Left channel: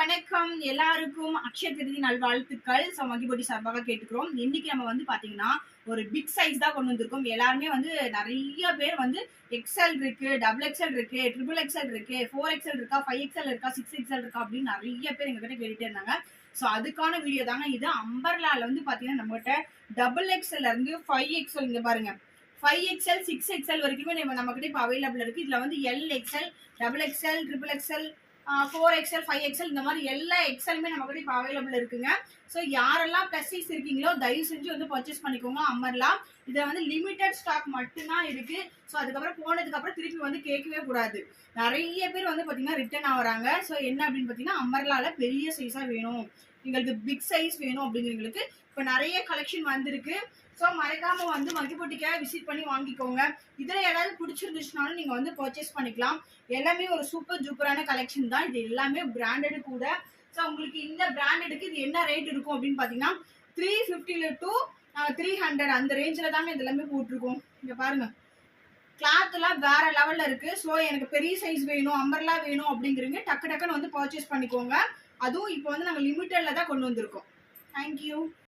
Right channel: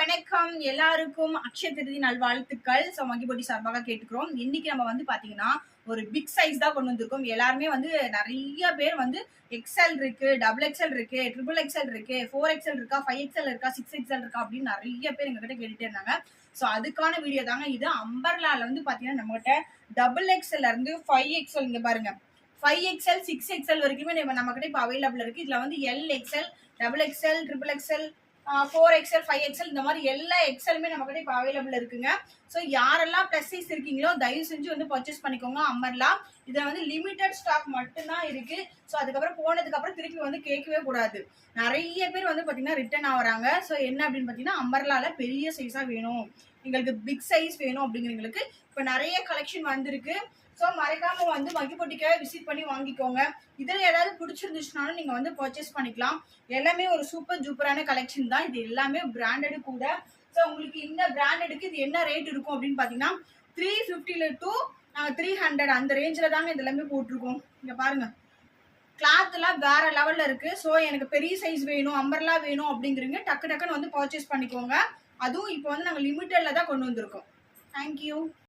வணக்கம் எல்லாருக்கும் அக்ஷய திருதி நல்வாழ்த்துக்கள். ஸோ மகிபொடி சார்பாக கேட்டுக்கிறோம். இன்னைக்கு நம்ம வந்து பாத்தீங்கன்னா ஒரு பிக் சைஸ் தான் கொண்டு வந்திருக்கோம். எல்லாருமே வந்து நிறைய பேர் வந்து எக்ஸ்எல் இருக்கு, டபுள் எக்ஸ்எல் இருக்கு, ட்ரிபிள் எக்ஸ்எல் இருக்கு, 4XL இருக்கா, 5XL இருக்கா, 6XL இருக்கா அப்படின்னு நிறைய பேர் எங்ககிட்ட கேட்டுட்டே இருந்தாங்க. ஸோ அதுக்கான வீடியோ தாங்க இது. அம்பர்லால வந்து பாத்தீங்கன்னா நம்மகிட்ட டபுள் எக்ஸ்எல்ல இருந்து 5XL இங்க பாருங்க 5XL 6XL வரைக்குமே நம்ம கிட்ட இப்போ அவைலபிள் இருக்கு. இதுல வந்து LXL, double XL, triple XL, 4XL, 5XL இந்த மாதிரி எல்லா எக்ஸலுமே நம்ம கிட்ட இப்போ அவைலபிள் இருக்குங்க. ஸோ யாரெல்லாம் ப்ளஸ் சைஸ் இருக்கீங்களோ தயவு செஞ்சு வந்து பர்ச்சேஸ் பண்ணிக்கோங்க. அமர்லாம் இதில் வந்து லிமிட்டட் ஸ்டாக் மட்டும்தான் இருக்கு. ஸோ அதுக்கப்புறம் போனதுக்கப்புறம் திருப்பி வந்து கேட்கவே கூடாது. நிறைய பேர் வந்து பார்த்தீங்கன்னா ரிட்டர்ன் ஆகுறாங்க. ஸோ என்ன அப்படின்னு பார்த்தீங்கன்னா அமர்லால பெரிய சைஸாக வேணும், எங்களுக்கு பிக் சைஸ் வேணும் அப்படிங்கிறவங்களுக்கு இப்போ நிறைய கலெக்ஷன் வந்திருக்கு. ஸோ மறக்காம வந்து மகிபொட்டிக்காக விசிட் பண்ணி வாங்கிக்கோங்க. இதில் ஏதாவது பிடிச்சிருந்துச்சுனாலும் நீங்கள் வந்து பர்ச்சேஸ் பண்ணிக்கலாம். எல்லாமே ஒரு சூப்பர் ஜூப்பரான கலெக்ஷன் தான். இது எல்லாமே பிராண்டடு கூட. ஸோ உங்களுக்கு இந்த பிராண்டடுக்கு இது என்ன ரேட் இருக்கும் அப்படின்னு பார்த்தீங்கன்னா 350 to 300 அந்த ரேஞ்சில் தாங்க இது எல்லாமே போட்டிருக்கோம். இங்கே பாருங்க, கிளாத்லாம் வேற லெவலில் இருக்கு. ஸோ எனக்கு பெரிய சைஸ் வேணும், அம்பர்லா வேணும் அப்படிங்கிறீங்க டக்குன்னு வந்து பர்ச்சேஸ் பண்ணிக்கோங்க. அதுவும் இப்போ வந்து நாங்கள் லிமிட்டடில் தான் கொண்டு வந்திருக்கோம். தேங்க்யூ.